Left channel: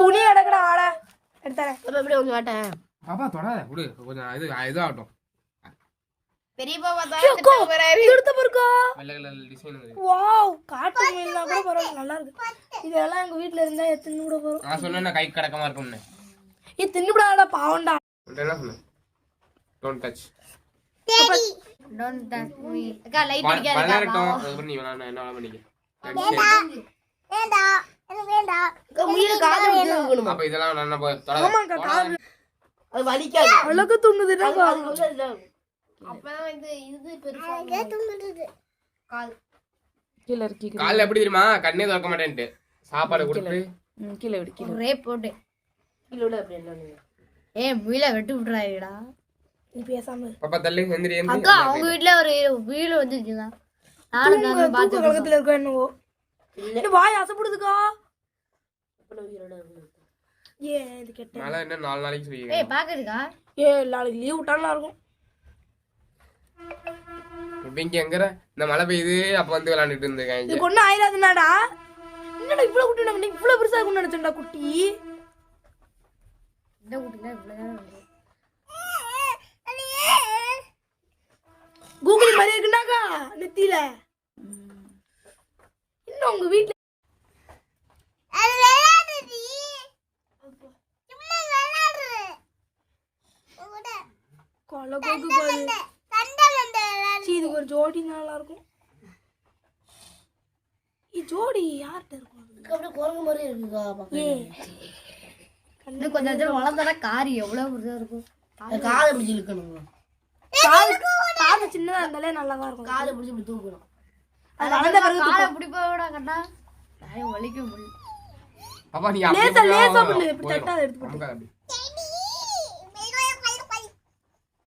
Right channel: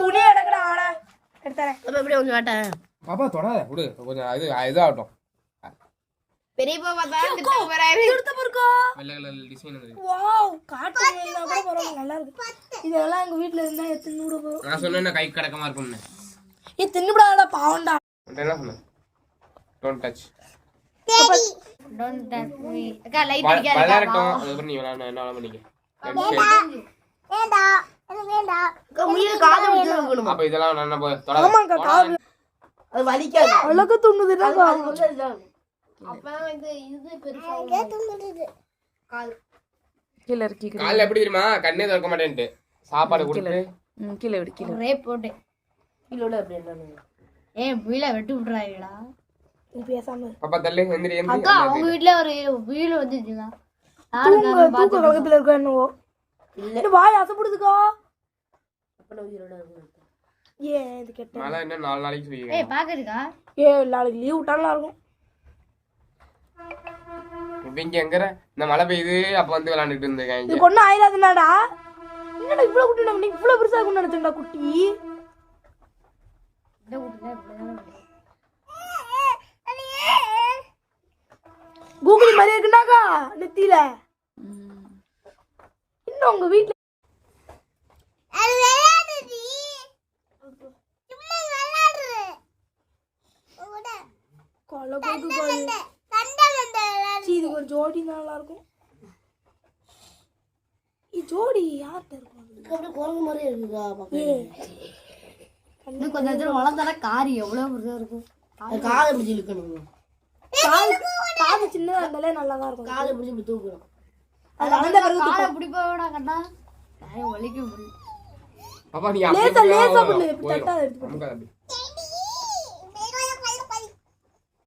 துணி எடுக்கடா ஆட எடுத்தறேன். அப்ப அப்படியே கொஞ்சம் வாட்டேன். பாப்பா தொடாத விடு, கொஞ்சம் இதாகட்டும். பெரியப்பா பார்த்தா திட்டு வராரு. எடுத்து பாருக்கா. நல்ல டிசைன். வாவ், காட்டு மீன்லாம் கூட பரவாயில்லை, நல்லா இருக்கு. இதெல்லாம் எங்க வீட்ல இருந்தா எத்தனை கூட போறோம். நான் சொன்னேன்னா கை கடக்கமா இருக்கும்னு. தின்னுபடாடா பாவம்டா. என்ன சொன்ன? Don't touch. Don't touch me. அக்கா லைட் அடிக்காத. வளரட்டும். அதுக்கு நீ நான் என்ன வேணாம் பண்ணிக்க. வேண்டாம் எனக்கு வேண்டாம். அக்கா முயல காது பிடிக்கணும். அப்ப இதெல்லாம் நான் தொடாத. ஆமாங்க, காது அது வலிக்காது. அழகு தூங்குதுடா. அது கொஞ்சம் இதான். அப்பதான் இது பெருசா தூங்குறது. காது கீழ இறக்கி கால்ல எப்படி தெரியுமா? கண்ணே திறக்க மாட்டேன்ட்டு சாப்பாடு கொடுத்து கீழ விடு, கீழ ரேப் போட்டு கீழோட அப்படி என்ன முயல வெட்டி விட்டுறாங்கடா. நீ பேசாம பாப்பா தள்ளி எந்திரி எந்திரி. அக்கா அவங்க வீட்ல ஒரு வீடு வந்துச்சுங்க. தூக்க கலகத்துல இருக்கா என்னவோ. இல்ல வாய் அசப்படுதுக்கா. அப்பன உயிரோட இருக்கணும். ஏ இது கெட்ட. மழை இன்னும் 4 நாளைக்கு சொல்லிருக்கேன். பாக்குறீங்க நாளைக்கு லீவ் விட்டாலும் இருக்கும். இங்க எங்கற இந்த மழை பெய்யுது அப்ப வந்து விளையாண்டுட்டு இருந்தேன். இது கொண்டு ஆயிராதுனாடா. என்னடா இவ்வளவு குட்டி நம்ம இவ்வளவு பெருசா இருக்கும்னு நினைச்சேன்டா குட்டி. இந்த குட்டினா கூகுள் மாதிரி இருக்குடாக்கா நெத்தியில. இன்னும் உங்க வீட்ல அது விளையாடுடி. சும்மா விளையாடுற. கொலை போகுது. இது ஒரு ஜோடி நல்லா இருக்கும். ஜோடி யார்கிட்ட இருக்கும்? அப்படியே குரங்கு மாதிரி இருக்குக்கா. இன்னும் கொஞ்சம் நேரம் வளர்ந்தாலும் காரி எவ்வளவு பெருசா இருக்கும். காலை பிடிச்சி இழுக்கணும். காது சின்னதா இருந்தாலே நல்லாதான் இருக்கும். காலை பிடிச்சி இப்படி தூக்கணும். காலை பிடிப்போட கண்டா வலிக்க முடியும். பாப்பா நீ லேசா லேசா பண்ணு, இப்படி தட்டா எடுத்து போடு.